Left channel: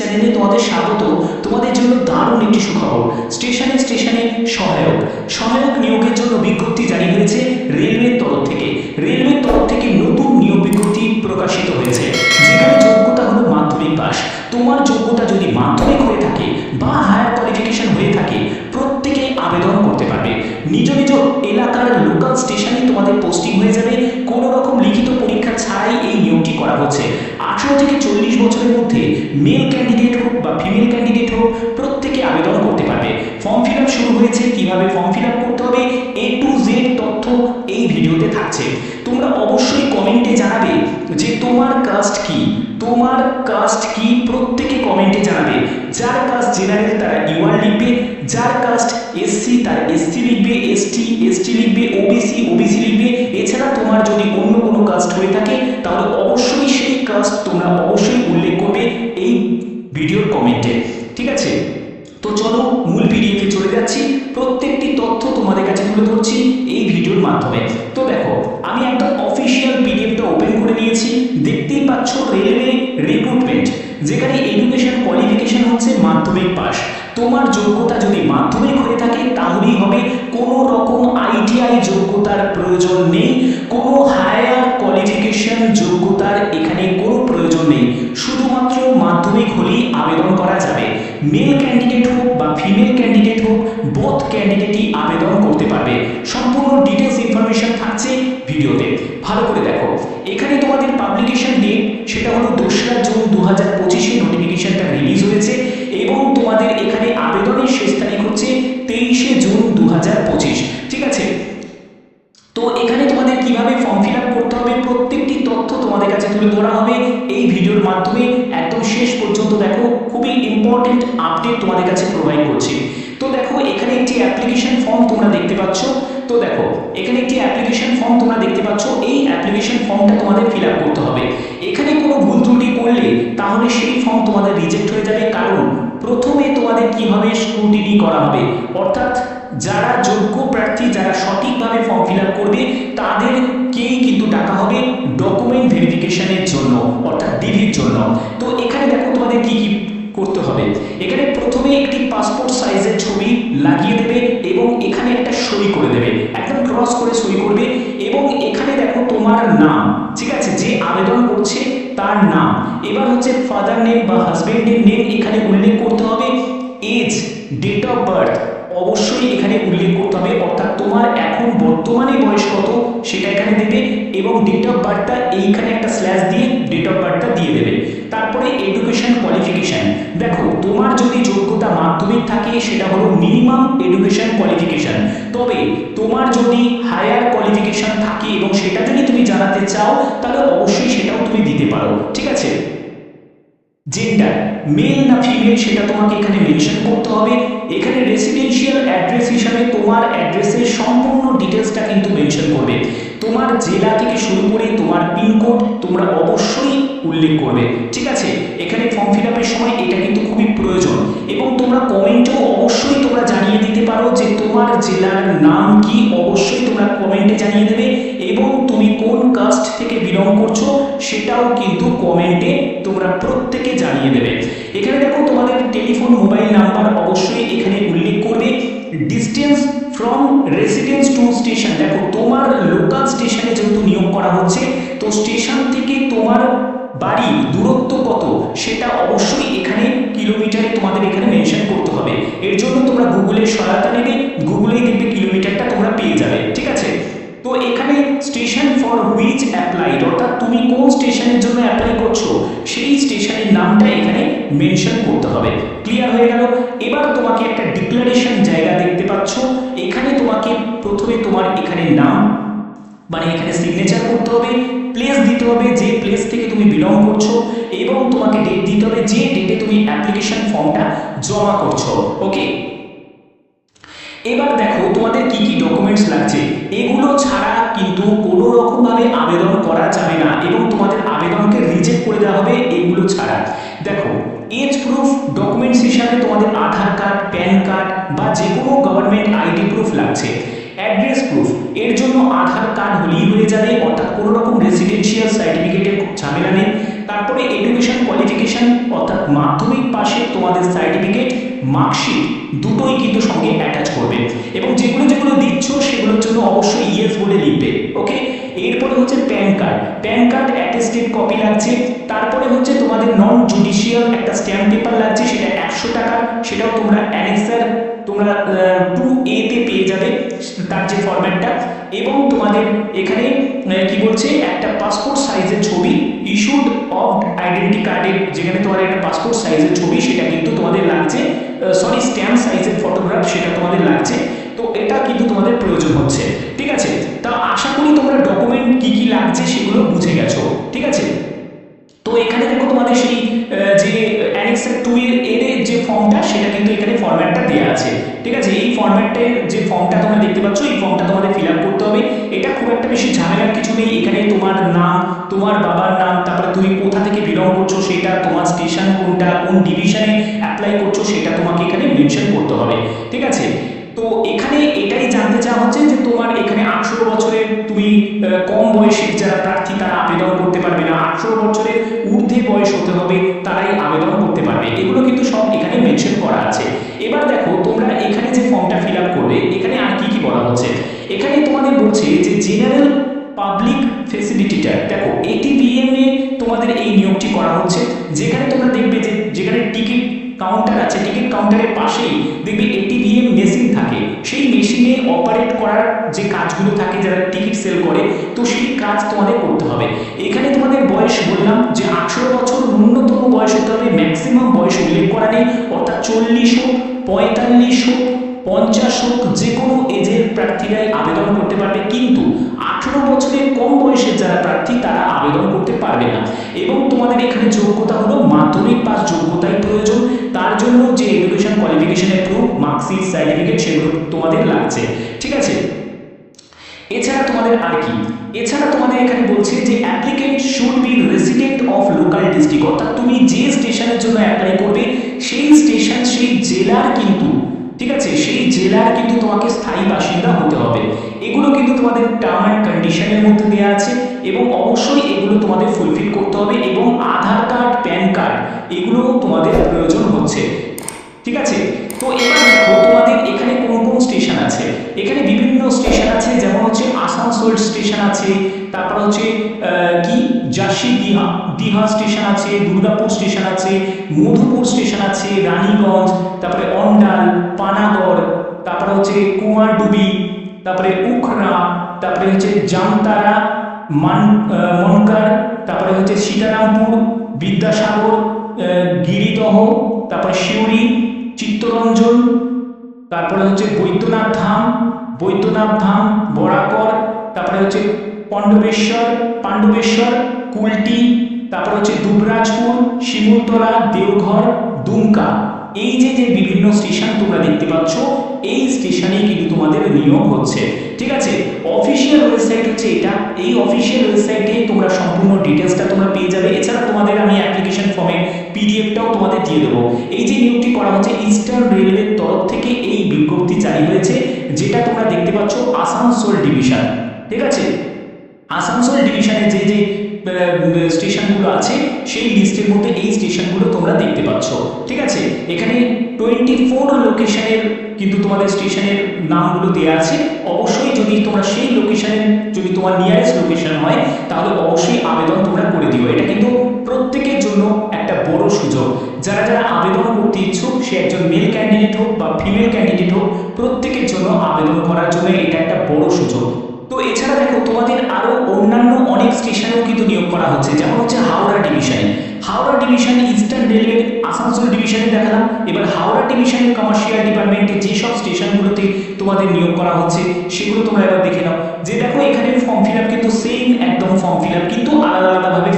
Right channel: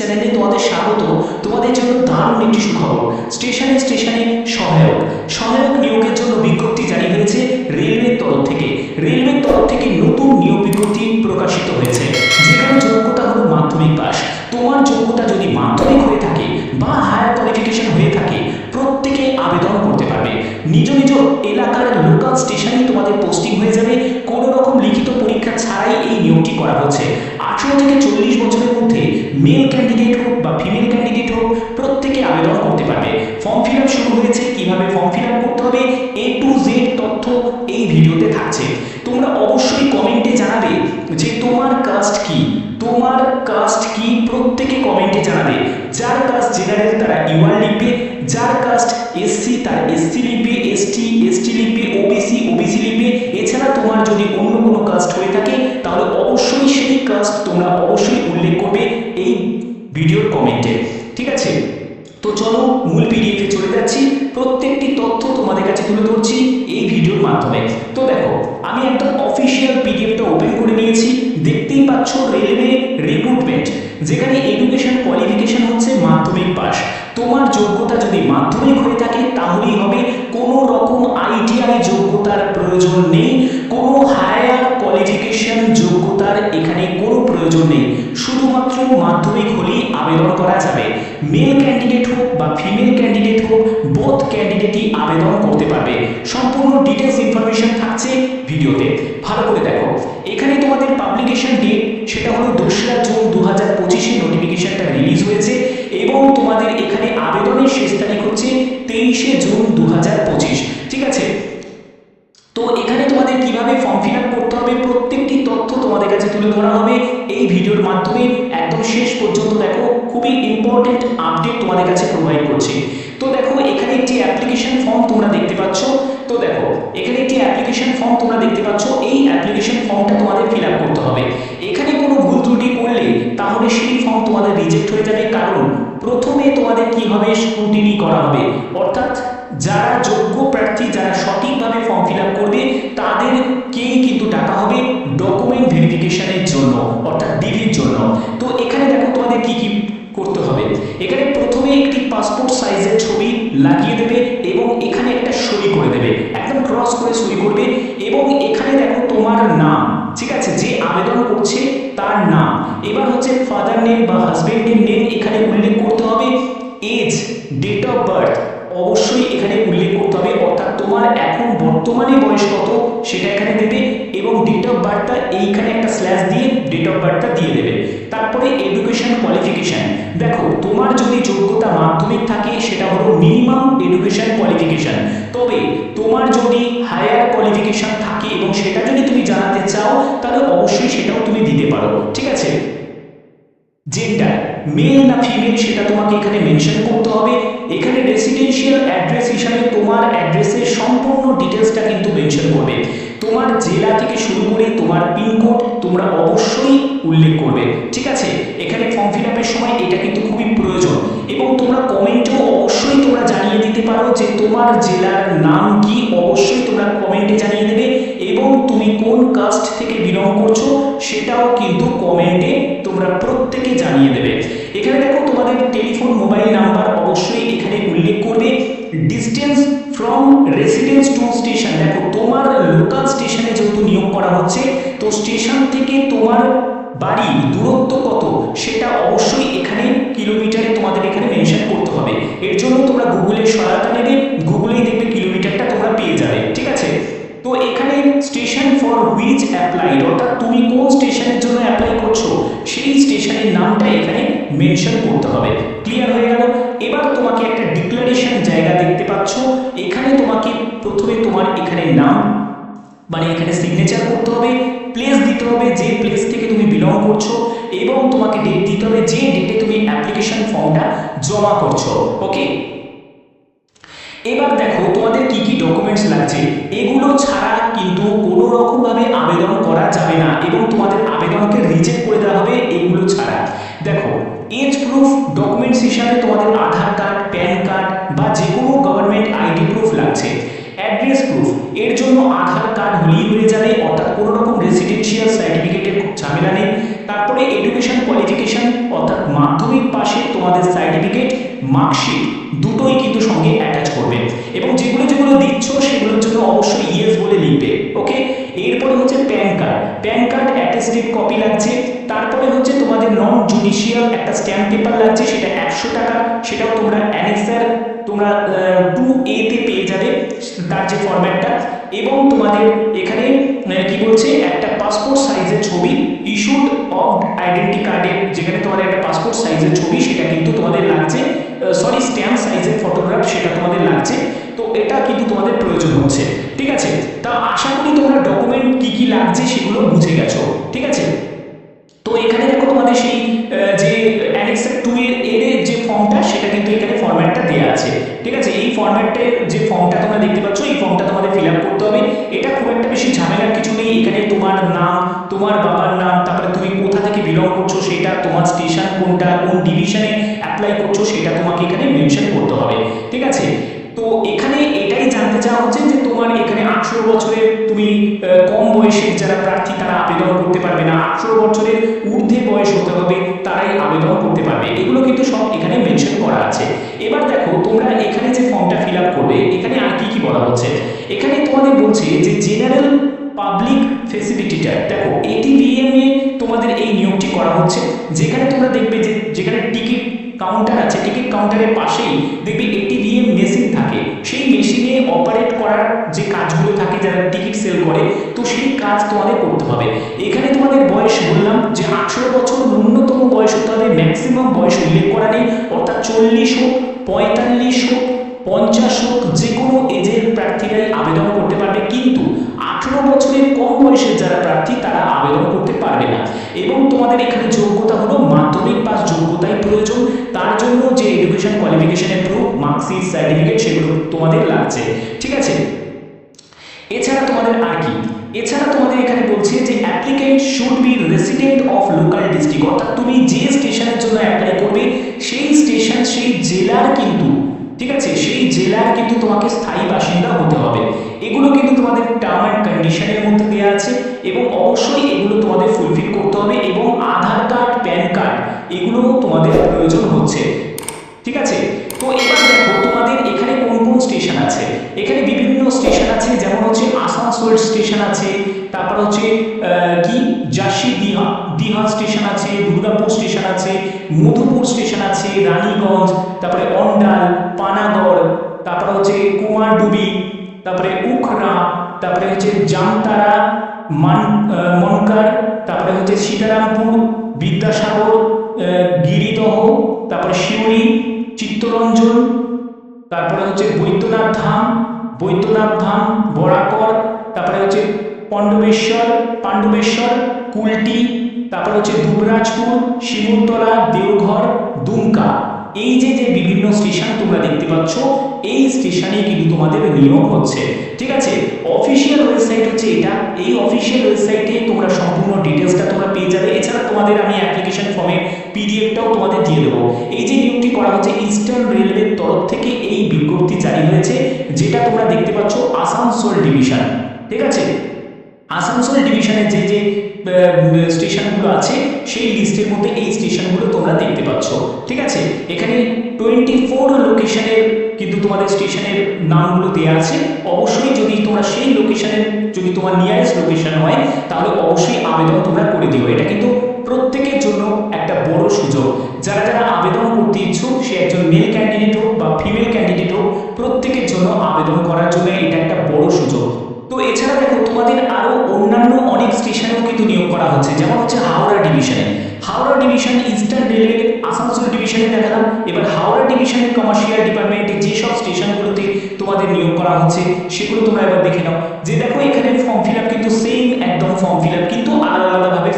চ্যানেলে তোমাদের স্বাগত। তোমাদের জন্য দারুণ একটি সুখবর, স্টেশনে স্টেশনে সহায়ক সহায়ক নিয়োগের জন্য বিজ্ঞপ্তি জারি হয়েছে রেলওয়ের তরফ থেকে। রেলওয়ের তরফ থেকে নতুন নিয়োগ বিজ্ঞপ্তি প্রকাশিত হয়েছে, যেখানে যোগ্যতা হলো মাধ্যমিক পাস। তোমার যোগ্যতা যদি মাধ্যমিক হয়ে থাকে বা হায়ার কোয়ালিফিকেশন হয়ে থাকে, প্রত্যেকে আবেদন করতে পারবে। নিজ নিজ এলাকার লোকাল স্টেশনেই তোমাদের পোস্টিং হয়ে যাবে। কোনো রকম লিখিত পরীক্ষা ছাড়াই এই নিয়োগটি করা হচ্ছে। 18 থেকে 40 বছরের মধ্যে মেল ক্যান্ডিডেট হোক বা ফিমেল ক্যান্ডিডেট হোক, প্রত্যেকে আবেদন করতে পারবে। ফর্ম ফিল আপ শুরু হয়েছে, কিভাবে ফর্ম ফিল আপ করতে হবে A to Z তথ্য এই ভিডিওতে থাকছে। তোমরা অবশ্যই কমেন্টে জানাবে যে তোমার কাস্ট কি, তোমার কাস্ট কি, প্রত্যেকে কমেন্টে জানাবে। যার কাস্ট জেনারেল তারা ইউআর লিখবে, যার কাস্ট এসসি তার এসসি লিখবে, এসটি এসটি লিখবে, ওবিসি ওবিসি লিখবে। এছাড়া তোমার যদি অন্য কোনো কাস্ট হয়ে থাকে তাহলে অবশ্যই সেই কাস্ট তোমরা অবশ্যই উল্লেখ করবে এই ভিডিওর কমেন্টে, ঠিক আছে? তো চলো মূল পিডিএফে চলে যাচ্ছি, প্রত্যেকটি তথ্য তোমাদের কাছে তুলে ধরছি এই ভিডিওর মাধ্যমে। তো দেখো, আমি একদম অফিসিয়াল পিডিএফটা ওপেন করে নিয়েছি। দেখতেই পাচ্ছ রেলওয়ে রিক্রুটমেন্ট, যেখানে এডুকেশন কোয়ালিফিকেশন হচ্ছে মাধ্যমিক পাস। তোমার যোগ্যতা যদি মাধ্যমিক হয়ে থাকে তাহলেই হবে, কোনো রকম আইটিআই যোগ্যতার প্রয়োজন নেই, কোনো হায়ার কোয়ালিফিকেশন যোগ্যতার এখানে কোনো প্রয়োজন নেই। শুধুমাত্র মাধ্যমিক হলেই আবেদন করা যাবে। মেল ক্যান্ডিডেট হোক বা ফিমেল ক্যান্ডিডেট হোক, বোথ ক্যান্ডিডেটই আবেদন করতে পারবে। সম্পূর্ণ ডিটেলস ইনফরমেশন থাকছে ভিডিওতে, ভালো করে দেখো। এখানে তোমাদের পাবলিকেশন ডেট সেটা হলো 2রা জুন 2025-এ নোটিফিকেশনটা রিলিজ হয়েছে, এবং তোমাদের এখানে আবেদনের শেষ তারিখ হচ্ছে 23শে জুন 2025, ঠিক আছে? তো এখানে তোমাদের কিভাবে ফর্ম ফিল আপ করতে হবে প্রত্যেকটি তথ্য তোমাদের কাছে তুলে ধরা হবে এই ভিডিওর মাধ্যমে। একদম শেষ পর্যন্ত দেখো, খুবই ইম্পর্টেন্ট আপডেট তোমাদের কাছে প্রোভাইড করছি। তো দেখো, এখানে একটি অ্যাপ্লিকেশন ফর্ম তোমরা দেখতে পাচ্ছ। তো দেখো, এখানে একটি অ্যাপ্লিকেশন ফর্ম তোমরা দেখতে পাচ্ছ। এই অ্যাপ্লিকেশন ফর্মটা তোমাদের ফিল আপ করতে হবে। এখানে কোনো ভুল ত্রুটি করলে তাহলে সেই ফর্ম তোমাদের রিজেক্ট হয়ে যাবে, কারণ প্রথমে তোমাদের কি হবে, স্ক্রুটিনি করা হবে। অর্থাৎ যারা যোগ্য প্রার্থী, যারা সঠিকভাবে ফর্ম ফিল আপ করবে তাদেরকেই কিন্তু ডাকা হবে ডকুমেন্ট ভেরিফিকেশনের জন্য, অর্থাৎ ডিভির জন্য। তো এখানে দেখো তোমাদের কি কি করতে হবে। এখানে প্রথমে একটি পাসপোর্ট সাইজের ছবি লাগিয়ে দেবে এবং এখানে একটা সই করে দেবে, একদম ক্রস করে সই করবে। এবং এখানে দেখো তোমার নাম, ঠিক আছে, যে আবেদন করছে তার নাম। এবার হচ্ছে ফাদার নেম বা হাজবেন্ডের নেম এখানে উল্লেখ করতে হবে। এজ, ডেট অফ বার্থ অবশ্যই এখানে উল্লেখ করতে হবে, অর্থাৎ তোমার এখন বর্তমানে বয়স কত সেটা এখানে দেবে, এবং ডেট অফ বার্থটা এইখানে একটা স্ল্যাশ দিয়ে ডেট অফ বার্থটা দিয়ে দেবে। তারপরে এডুকেশন কোয়ালিফিকেশন, দেখো তোমার যদি যোগ্যতা মাধ্যমিক থাকে সেটা হলো মিনিমাম এডুকেশন কোয়ালিফিকেশন। তবে তোমার যদি হায়ার কোয়ালিফিকেশন থাকে এবং সেটা যদি তুমি জানাতে চাও তাহলে অবশ্যই সেটাও তুমি দিতে পারো, ঠিক আছে? জেন্ডার, মেল না ফিমেল সেটা তোমাকে এখানে মেনশন করতে হবে। এখানে রেসিডেন্সিয়াল অ্যাড্রেস হিসাবে তোমার অ্যাড্রেসের সম্পূর্ণ ডিটেলসটা কিন্তু মেনশন করবে। তোমার জেলা থেকে শুরু করে তোমার পিনকোড তোমরা অবশ্যই উল্লেখ করবে, ঠিক আছে? এখানে ফর্ম ফিল আপের সময় এটা কিন্তু খুবই প্রয়োজন। এবং তোমরা কমেন্টেও অবশ্যই তোমরা জানিয়ে দিতে পারো যে তোমার জেলার নাম কি, অবশ্যই তোমরা কমেন্টে জানিয়ে দেবে। এবং তুমি কোন কাস্ট থেকে বিলং করছো সেটাও কিন্তু কমেন্টে তোমরা প্রত্যেকে জানিয়ে দেবে। এখানে দেখো তোমাদের টেলিফোন মোবাইল নাম্বার অবশ্যই এখানে উল্লেখ করবে। Distance from residence two station, দেখো তোমার লোকাল স্টেশনে যেহেতু নিয়োগ করা হচ্ছে, তো স্টেশন থেকে তোমার বাড়ির দূরত্ব কত সেটা অবশ্যই এখানে কিলোমিটারে তোমাদের এখানে মেনশন করতে হবে। এর জন্য তোমরা গুগলের সহায়তা নেবে, গুগলেই দেখবে কিলোমিটারটা তোমরা পেয়ে যাবে, ঠিক আছে? তো এখানে স্টেশন ফর হুইচ অ্যাপ্লাইড, অর্থাৎ তুমি কোন স্টেশনের জন্য অ্যাপ্লাই করছো সেই স্টেশনের নামটা এখানে মেনশন করতে হবে। ক্লিয়ার হয়ে গেল? এবার তোমাকে একটা ডিক্লারেশন জায়গা দেখতে পাচ্ছ। এখানে তোমাকে প্রথমে তোমার এখানে নাম, মানে এখানে সিগনেচার করতে হবে, প্লেস দিতে হবে যে প্লেস থেকে তুমি বিলং করছো, এবং তোমাকে ডেট দিতে হবে যে ডেটে তুমি অ্যাপ্লিকেশন ফর্মটা জমা করছো, ওকে? এবার দেখো তোমাদের কি কি ডকুমেন্টস লাগছে। এগুলো ছাড়া কিন্তু কোনো রকমভাবে আবেদন করা যাবে না, এবং তোমাদের আবেদনকে রিজেক্ট করে দেওয়া হবে এগুলো ছাড়া। দেখো, এজ প্রুফ ডকুমেন্টস হিসাবে তোমাদের আধার কার্ড, প্যান কার্ড বা যে কোনো গভর্নমেন্ট আইডি প্রুফ লাগছে। অ্যাড্রেস প্রুফ, এর জন্য আধার কার্ড হলেই হয়ে যাবে, অর্থাৎ কোনো রকম রেসিডেন্সিয়াল সার্টিফিকেটের ঝামেলা নেই। তারপরে এডুকেশন কোয়ালিফিকেশন অর্থাৎ মাধ্যমিক পাশে তোমাদের সার্টিফিকেট, মার্কশিট দুটোই কিন্তু সঙ্গে অ্যাটাচ করবে এবং যেগুলো যেগুলো দিচ্ছ সেগুলোর জন্য অবশ্যই ইয়েস বলে লিখবে। ওকে, এরপরে হচ্ছে pan card, pan card attested copy লাগছে। তারপরে হচ্ছে তোমাদের নন জুডিশিয়াল একটা স্ট্যাম্প পেপার লাগছে, সেটা 100 টাকার, সেটাও তোমরা অ্যানেক্সার তোমরা 2A তে পেয়ে যাবে তার যে ফরম্যাটটা। এবং তোমাদের এখানে কি বলছে, একটা পাসপোর্ট সাইজের ছবি ইস্যুড অফ আইডেন্টি কার্ডের, যেখানে তোমাদের একটা পাসপোর্ট সাইজের ছবি সেটা কিন্তু তোমাদের লাগছে, সরি স্ট্যাম্প সাইজের ফটোগ্রাফ সেটা তোমাদের লাগছে। তো এটা কিন্তু তোমাদের প্রয়োজন হচ্ছে, ঠিক আছে। তা আশা করি তোমরা ডকুমেন্ট কি কি লাগছে সেগুলো বুঝে গেছো, ঠিক আছে। তো এখানে দেখো তোমাদের সেই যে অ্যানেক্সার 2 এর যে ফর্মটা সেটা কিন্তু এখানে ফরম্যাটটা দেওয়া আছে, ঠিক আছে। এই ফরম্যাটের যে ফর্মটা তোমরা দেখতে পাচ্ছ এই ফর্মটা তোমাদের ফিল আপ করতে হবে। এটা খুব একটা বেশি ঝামেলার কিছু নেই। এখানে তোমার নাম, তোমার বাবার নাম, তারপরে তুমি কোথা থেকে বিলং করছো সেটা, তোমার স্টেশন কোনটা, কোন ডিভিশনে অ্যাপ্লাই করছো সেটা তোমাকে এখানে মেনশন করতে হবে, ঠিক আছে। তো এখানে এটাই জানতে চাওয়া হচ্ছে যে তোমার এখানে 18 বছরের তুমি কম বয়সের যারা প্রার্থী তারা আবেদন করতে পারবে না, 18 বছরের ঊর্ধ্বে বয়স হতে হবে তারাই আবেদন করতে পারবে, এগুলো কিন্তু সব এখানে মেনশন করা আছে। এবার দেখো তোমরা এখানে যে ফর্মটা ফিল আপ করবে এখানে আর কি কি বলা হচ্ছে, এখানে তোমাদের বলছে যে জেনারেল পাবলিক ফেসিলিটিটার, দেখো ATVM এ তোমাদের এই নিয়োগটি করা হচ্ছে। যেখানে তোমরা দেখবে যে যেখানে টিকিট কাউন্টার আছে, টিকিট কাউন্টারের পাশেই দেখবে ATVM মেশিন থাকে, সেই মেশিনে অপারেট করার যে কাজগুলো থাকে যারা টিকিট সেল করে, তো সেই কাজ তোমাদের করতে হবে। এখানে তোমাদের বয়স বললাম যে 18 বছর ন্যূনতম বয়স হতে হবে, ম্যাক্সিমাম বয়স উল্লেখ করা নেই, অর্থাৎ 40 হোক, 45 হোক, 50 হোক, যে কোনো এজের প্রার্থীরাই আবেদন করতে পারবে, কিন্তু 18 বছরের কম বয়সের যারা প্রার্থী তারা আবেদন করতে পারবে না। এবং তোমাদের এখানে যোগ্যতা হলো মাধ্যমিক পাস যোগ্যতাই প্রয়োজন, তার জন্য যে এডুকেশন কোয়ালিফিকেশনের প্রুফ, মার্কশিট, সার্টিফিকেট সেগুলো তোমাদের লাগছে, ঠিক আছে। এছাড়া তোমাদের আর কি, এছাড়া তোমাদের এখানে বলছে যে applicant should be resident of local district, অর্থাৎ তুমি যে স্টেশনের জন্য অ্যাপ্লাই করবে সেই স্টেশন, সেই জেলার কিন্তু, ঠিক আছে, সেই জেলার কিন্তু তোমাকে স্থায়ী বাসিন্দা হতে হবে। এগুলো কিন্তু তোমাদের টার্ম অ্যান্ড কন্ডিশনের মধ্যে দেওয়া আছে এবং অবশ্যই এগুলো তোমাদের ফুলফিল করতে হবে। এবং আধার কার্ড, প্যান কার্ড এগুলো তোমাদের প্রয়োজন হচ্ছে, ঠিক আছে। তো এবার দেখো তোমাদের এখানে কোন কোন স্টেশন আছে, এখানে বিভিন্ন স্টেশন আছে, যেমন হচ্ছে আসানসোল স্টেশন আছে, তারপর হচ্ছে কি জাসি দিহা স্টেশন আছে, দুর্গাপুর স্টেশন আছে, মধুপুর স্টেশন আছে, রানীগঞ্জ, তারপরে অন্ডাল, পানাগড়, তারপরে হচ্ছে কুমারডুবি, তারপরে উখরা, তারপরে হচ্ছে জামতারা, মনকার, তারপরে হচ্ছে সীতারামপুর, বিদ্যাসাগর, গিরিদহ, তারপরে সিউড়ি, চিত্তরঞ্জন, তারপরে হচ্ছে বৈদ্যনাথ ধাম, বরাকর, তারপরে হচ্ছে পাণ্ডবেশ্বর, কুলটি, তারপরে হচ্ছে দুবরাজপুর, শিমুলতলা, দেওঘর, দুমকা। এই যে যে বিভিন্ন স্টেশন তোমরা দেখতে পাচ্ছ এই স্টেশনে কিন্তু তোমাদের নিয়োগ হচ্ছে, ঠিক আছে। অফিসিয়াল ওয়েবসাইট হচ্ছে এটা, এই অফিসিয়াল ওয়েবসাইটে তোমরা সম্পূর্ণ ডিটেলসটা তোমরা পেয়ে যাবে। এছাড়া তোমাদের আমি অ্যাপ্লিকেশন ফর্মের পিডিএফটাও তোমাদের দিয়ে দেবো। এই যে নিয়োগটি করা হচ্ছে ইস্টার্ন রেলওয়ের তরফ থেকে এই বিজ্ঞপ্তি জারি হয়েছে, যেটা তোমরা দেখতে পাচ্ছ আসানসোল ডিভিশন, ঠিক আছে। আসানসোল ডিভিশনের যে যে স্টেশনগুলো আছে সেই লিস্টের মধ্যে এই স্টেশনগুলো তোমরা দেখতে পাচ্ছ, ঠিক আছে। এখানে 24 লোকেশনের কিন্তু তোমাদের স্টেশনের নামগুলো দেওয়া আছে। অবশ্যই যদি তোমরা সেই লোকেশনের, যদি তোমার নিয়ারেস্ট লোকেশন হয় তাহলে অবশ্যই আবেদন তোমরা করে দিও। এটা কিন্তু প্রত্যেকের জন্য একটা বড় সুযোগ, যারা যারা আবেদন করতে ইচ্ছুক, সে একজন মেল ক্যান্ডিডেট হোক বা ফিমেল ক্যান্ডিডেট হোক, প্রত্যেকের জন্য আবেদন করার জন্য এটা একটা বড় সুযোগ। তো এছাড়া দেখো তোমাদের আরো অন্যান্য অনেক স্টেশনেও কিন্তু নিয়োগ করা হচ্ছে, যেমন হচ্ছে Howrah division Eastern Railway Asansol ডিভিশনে দেখালাম। এবার হাওড়া ডিভিশনের কমার্শিয়াল ডিপার্টমেন্টে যেসব স্টেশনগুলোতে তোমাদের নিয়োগ করা হচ্ছে সেগুলো তোমরা এবার দেখে নাও। যে দেখো এখানে ফর্ম ফিল আপ কিন্তু সেম একদম ফর্ম ফিল আপ, কিন্তু আলাদা আলাদাভাবে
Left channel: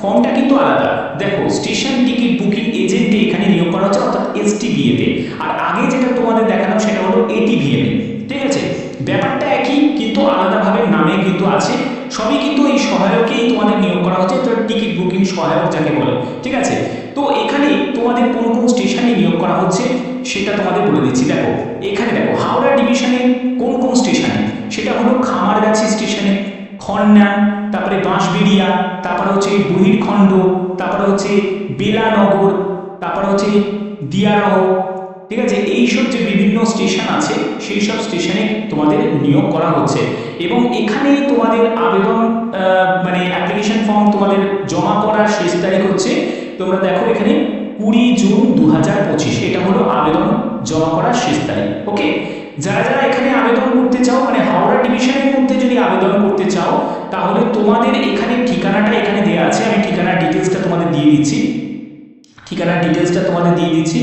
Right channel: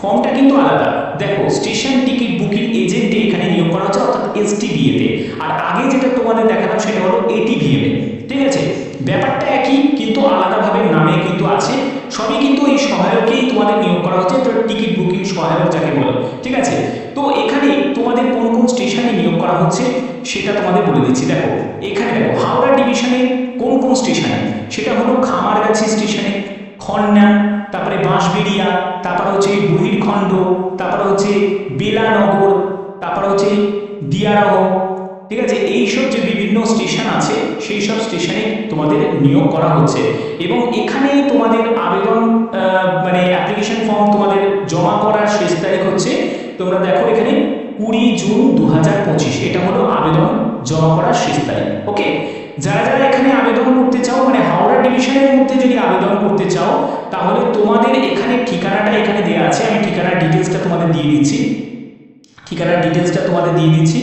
ফর্মটা কিন্তু আলাদা। দেখো স্টেশন টিকিট বুকিং এজেন্টে এখানে নিয়োগ করা হচ্ছে, অর্থাৎ STBA তে। আর আগে যেটা তোমাদের দেখালাম সেটা হলো ATVM এ, ঠিক আছে। ব্যাপারটা একই কিন্তু আলাদাভাবে নামে কিন্তু আছে, সবই কিন্তু এই সহায়কেই তোমাদের নিয়োগ করা হচ্ছে, তো টিকিট বুকিং সহায়ক যাকে বলে, ঠিক আছে। তো এখানে তোমাদের কোন কোন স্টেশনে নিয়োগ করা হচ্ছে সেটা তোমাদের বলে দিচ্ছি। দেখো এখানে দেখো হাওড়া ডিভিশনে কোন কোন স্টেশনে, সেটা হলো খামারগাছি স্টেশনে, খন্না, তারপরে বাঁশবেড়িয়া, তারপরে হচ্ছে বহিরখণ্ড, তারপরে হচ্ছে বেলানগর, তারপরে হচ্ছে দিয়ারহ, ঠিক আছে। এইসব যে বিভিন্ন স্টেশন আছে সেই সব স্টেশনে তোমাদের নিয়োগ করা হচ্ছে এবং এখানে তোমাদের আবেদন মানে অ্যাপ্লিকেশন ফর্ম তোমাদের জমা করার শেষ তারিখ হচ্ছে, তোমরা দেখো এখানে 20 জুন 2025, এটা হলো আবেদন জমা করার শেষ তারিখ। ওকে, যারা যারা এখানে আবেদন করতে চাও, মানে হাওড়া ডিভিশনের মধ্যে যদি আবেদন করতে চাও, তাহলে তোমাদের এখানে ঠিকানাটা এখানে দেওয়া আছে, আমি ঠিকানার ডিটেলসটা তোমাদের দিয়ে দিচ্ছি,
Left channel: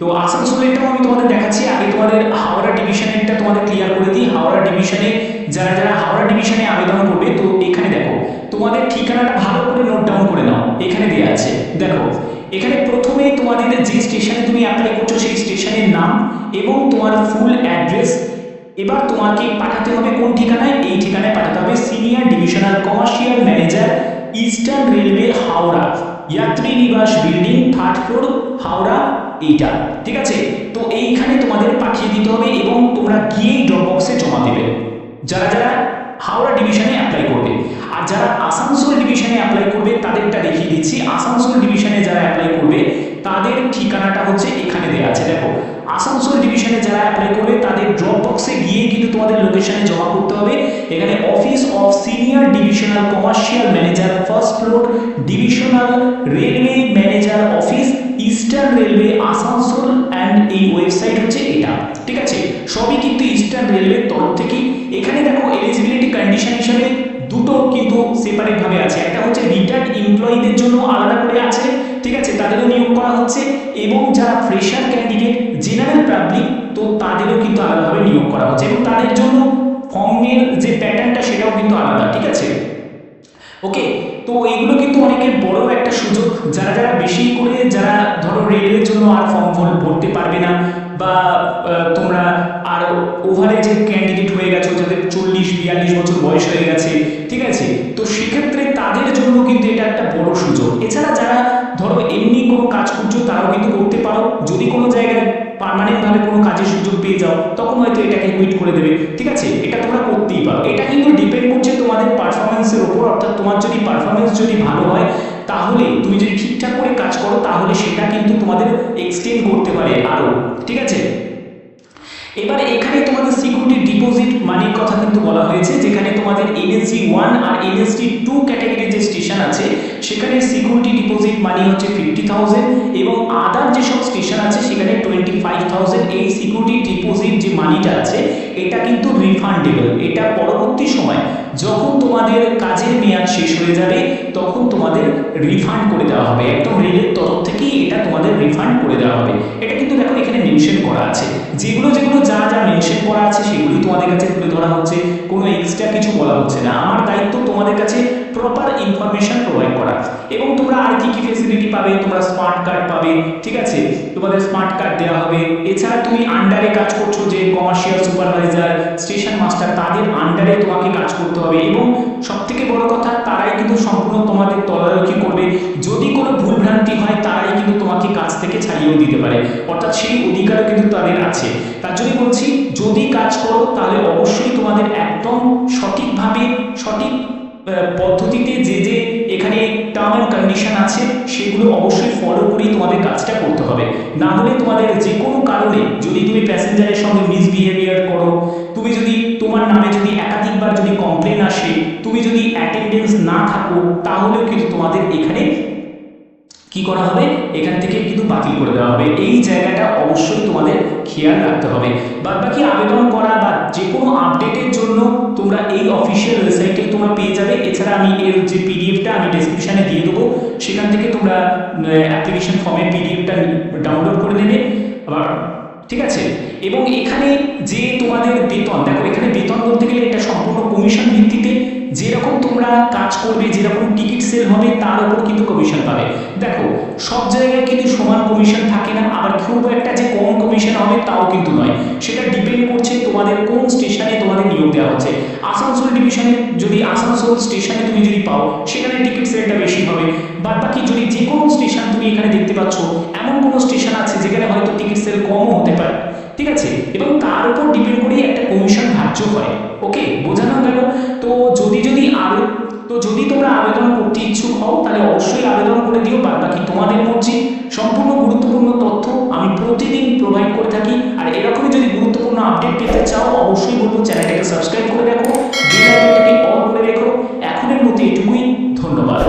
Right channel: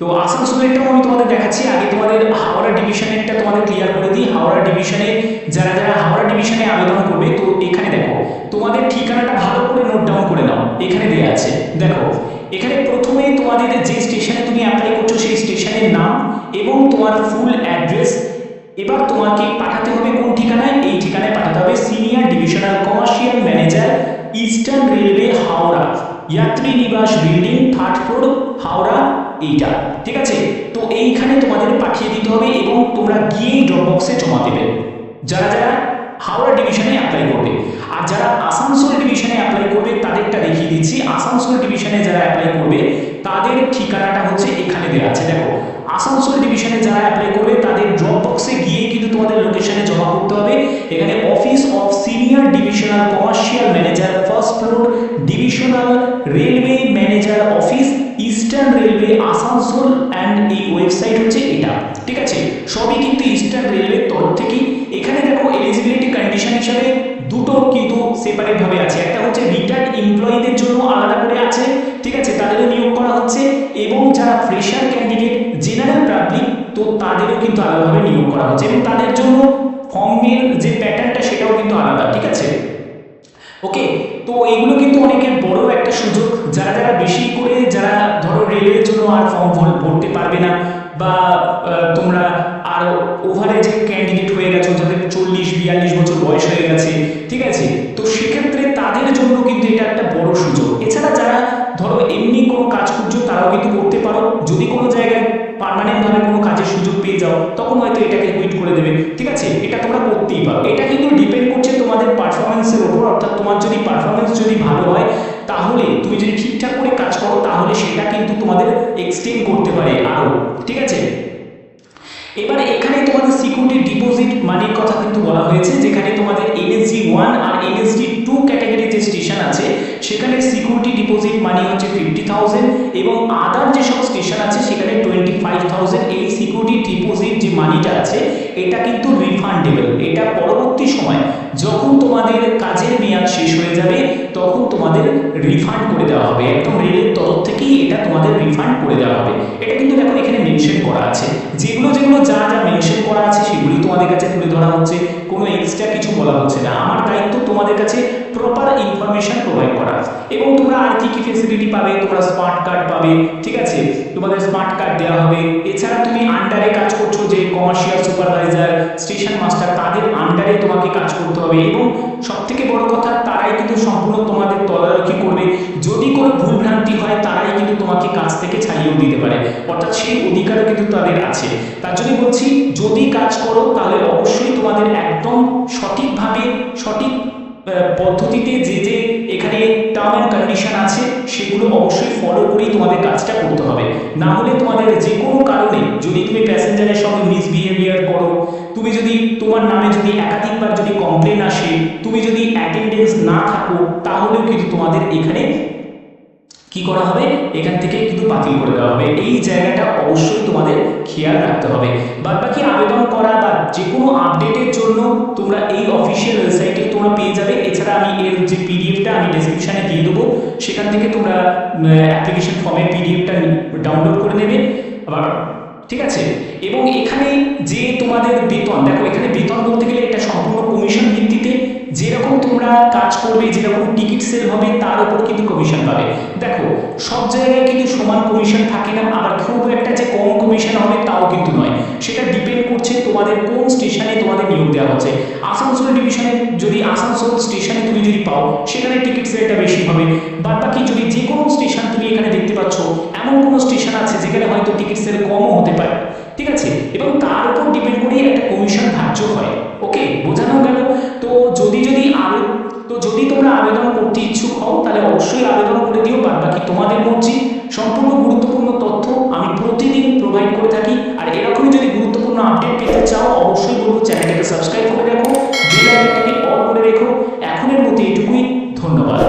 তো আসানসোলেরটাও আমি তোমাদের দেখাচ্ছি। আগে তোমাদের হাওড়া ডিভিশনেরটা তোমাদের ক্লিয়ার করে দিই। হাওড়া ডিভিশনে যারা যারা হাওড়া ডিভিশনে আবেদন করবে, তো এখানে দেখো তোমাদের ঠিকানাটা ভালো করে নোট ডাউন করে নাও, এখানে দেওয়া আছে। দেখো এখানে প্রথমে তোমাদের যে স্টেশনে তুমি অ্যাপ্লাই করছো সেই স্টেশনের নাম এবং তোমার ফুল অ্যাড্রেস। এবার তোমাকে পাঠাতে হবে কোন ঠিকানায়, এই ঠিকানায় পাঠাতে হবে senior divisional commercial manager, eastern railway, Howrah, যাত্রী নিবাস বিল্ডিং, 3rd ফ্লোর, হাওড়া, এইটা, ঠিক আছে। তো এইখানে তোমাদের পাঠিয়ে দিতে হবে এবং তোমরা গিয়েই ড্রপ বক্সে জমা দেবে, যারা যারা হাওড়া ডিভিশনে অ্যাপ্লাই করবে। আর যারা আসানসোল ডিভিশনে অ্যাপ্লাই করবে তাদেরটা দেখিয়ে দিচ্ছি। আসানসোল ডিভিশনে যারা অ্যাপ্লাই করবে তাদের ঠিকানাটা হচ্ছে এখানে দেওয়া আছে। দেখো আসানসোল ডিভিশনে যারা অ্যাপ্লাই করবে তাদের ড্রপ বক্সে গিয়ে কিন্তু তোমাদের লোকেশনে জমা করতে হবে। এখানে office of senior divisional commercial manager, 1st floor, divisional railway manager office, eastern Railway, Asansol, and এই ওয়েবসাইট হচ্ছে এটা, ঠিক আছে। সবই কিন্তু ইস্টার্ন রেলওয়ের তরফ থেকেই। এখানে দেখো এলিজিবিলিটি কন্ডিশন হিসাবে দুটো কিন্তু সেপারেট ভাবে আছে, একটা হচ্ছে রিটায়ার্ড এমপ্লয়ীদের জন্য আলাদা করে আছে, ঠিক আছে, তাদেরও নিয়োগ করা হচ্ছে, এবং যারা ফ্রেশার ক্যান্ডিডেট, জেনারেল পাবলিক, তো তাদেরও কিন্তু আলাদাভাবে নিয়োগ করা হচ্ছে এবং তাদের জন্য ফর্মের যে প্যাটার্নটা সেটাও কিন্তু আলাদা, ঠিক আছে। ওকে, তো এগুলো কিন্তু অনেকের বড় একটা সুযোগ, যারা যারা বেশি করে যারা ধরো রেলের জন্য আর ফর্ম ভরতে পারবে না, বা তোমরা আর ওভারে যে ক্যান্ডিডেট হয়ে গেছো যাদের 40-42 বছর বয়স হয়ে গেছে, ঠিক আছে, তো সেক্ষেত্রে তাদের জন্য কিন্তু এটা একটা বড় সুযোগ। এছাড়া যারা ধরো এমনি কোনো কাজ খুঁজছো তারাও কিন্তু করতে পারো, যদি কোনো জায়গায় পার্মানেন্টভাবে কোনো কাজের সুযোগ পেয়ে যাও তখন হয়তো এটাকে কুইট করে দেবে, ঠিক আছে, এটা তোমরা করতেই পারো। এটা কিন্তু ডিপেন্ড করছে তোমাদের পারফরমেন্সের ওপর, অর্থাৎ তোমার যদি পারফরমেন্স যদি ভালো হয় তাহলে তুমি যদি ঠিকঠাক করে কাজ করো তাহলে সেটা কিন্তু তোমাদের এক্সটেন্ড করতে পারে আরও, ঠিক আছে। এবার এখানে তোমাদের সিকিউরিটি ডিপোজিট মানির কথা কিন্তু বলা হয়েছে, যেখানে তোমাদের NSG 1 আর NSG 2 ক্যাটাগরির যে স্টেশন আছে সেখানে সিকিউরিটি ডিপোজিট মানি হচ্ছে 50,000 এবং আদার যেসব স্টেশন আছে সেখানে 25,000। এই সিকিউরিটি ডিপোজিট যে মানিটা আছে এটা কিন্তু রিফান্ডেবল, এটা পরবর্তী সময় যখন তোমাদের কাজের মেয়াদ শেষ হয়ে যাবে তখন তোমাদের রিফান্ড করে দেওয়া হবে, একদম রেলের তরফ থেকেই এটা তোমাদের রিফান্ড করে দেওয়া হবে। এটা কিন্তু দেখো এখানে মেনশন করা আছে, যেগুলো যা যা মেনশন করা আছে সেগুলি তোমাদের কাছে তুলে ধরা হচ্ছে, কোনো এক্সট্রা কিছু বলা হচ্ছে না। আমার দায়িত্ব তোমাদের কাছে প্রপার ইনফরমেশন প্রোভাইড করা। এবং তোমরা আর কি কি ফেসিলিটি পাবে, তোমরা স্মার্ট কার্ড পাবে, ঠিক আছে, তোমাদের স্মার্ট কার্ড দেওয়া হবে। এছাড়া তুমি আন্ডারে কাজ করছো, যে কমার্শিয়াল সুপারভাইজার, স্টেশন মাস্টার, তাদের আন্ডারে তোমাকে কাজ করতে হবে এবং সবথেকে বড় কথা তারাই কিন্তু সম্পূর্ণ তোমাদের তদারকি করবে। যদি কোনো ভুলভ্রান্তি হয় তারাই কিন্তু তোমাকে কাজ থেকে ছাড়িয়েও দিতে পারে, অর্থাৎ সেই অধিকারও কিন্তু তাদের আছে। তার জন্য বলছি যদি কাজ করো তাহলে অবশ্যই তোমাদের একদম সঠিকভাবে সঠিক পদ্ধতিতে যে এখানে টার্ম অ্যান্ড কন্ডিশন আছে সেগুলো অবশ্যই ফলো করেই তোমাদের কাজটা করতে হবে। না হলে তোমাদের যে কোনো কারণে যদি তুমি প্যাসেঞ্জারের সঙ্গে মিসবিহেভিয়ার করো, তুমি যদি তোমার নামে যদি একাধিকবার যদি কমপ্লেন আসে, তুমি যদি অ্যাটেন্ডেন্স না থাকো, তাহলেও কিন্তু তোমাদের এখানে কি করা হবে, এখান থেকে কিন্তু বাতিল করে দেওয়া হবে। এই জায়গাটা অবশ্যই তোমাদের খেয়াল রাখতে হবে। বাদবাকি আবেদন করা বা যে কোনো আপডেটের জন্য তোমরা এই অফিসিয়াল ওয়েবসাইটে তোমরা পেয়ে যাবে। এছাড়া আমি এর যে পিডিএফটা আমি ডেসক্রিপশানে দিয়ে দেবো, সেখান থেকে তোমরা অ্যাপ্লিকেশন ফর্মের পিডিএফটা ডাউনলোড করে নেবে আবার, ঠিক আছে। এবং এখানে যে তোমাদের বেতন, দেখো এখানে বেতন বলতে গেলে এটা সম্পূর্ণ কমিশন ভিত্তিতে, যেরকম তোমরা কাজ করবে, যেরকম টিকিট সেল হবে তার উপর কিন্তু কমিশন পাবে। দেখো সব জায়গায় কিন্তু সমান কমিশন থাকে না, আবার খুব একটা যে কম কমিশন হবে তাও কিন্তু নয়, সেটা ডিপেন্ড করছে তোমাদের কোন স্টেশনে তোমাদের নিয়োগ দেওয়া হচ্ছে। আসানসোল ডিভিশনে যদি আসানসোল স্টেশনে তুমি যদি পাও সেখানে টিকিট সেলটা বেশি হবে। বাদবাকি যদি যে কোনো স্টেশন তুমি এখানে দেখতে পাচ্ছ, এমন কোনো স্টেশন আছে যেখানে হয়তো টিকিট সেল কমও হতে পায়, ঠিক আছে, এবং তার উপর ডিপেন্ড করেই একটা কমিশন ধার্য হয়। ওকে, বোঝানো গেল? তো যদি তোমরা আবেদন করতে ইচ্ছুক হও তাহলে অবশ্যই আবেদন করে দিও, বাদ বাকি তোমাদের মর্জি। সম্পূর্ণ গুরুত্বপূর্ণ তথ্য আমি প্রতিদিন প্রোভাইড করে থাকি, আর এরকমই যদি গুরুত্বপূর্ণ আপডেট পেতে চাও অবশ্যই বলবো চ্যানেলটাকে সাবস্ক্রাইব করে রাখো, বেল আইকনটাকে অন করে রেখো। এখনের মতো এটুকুই, ধন্যবাদ।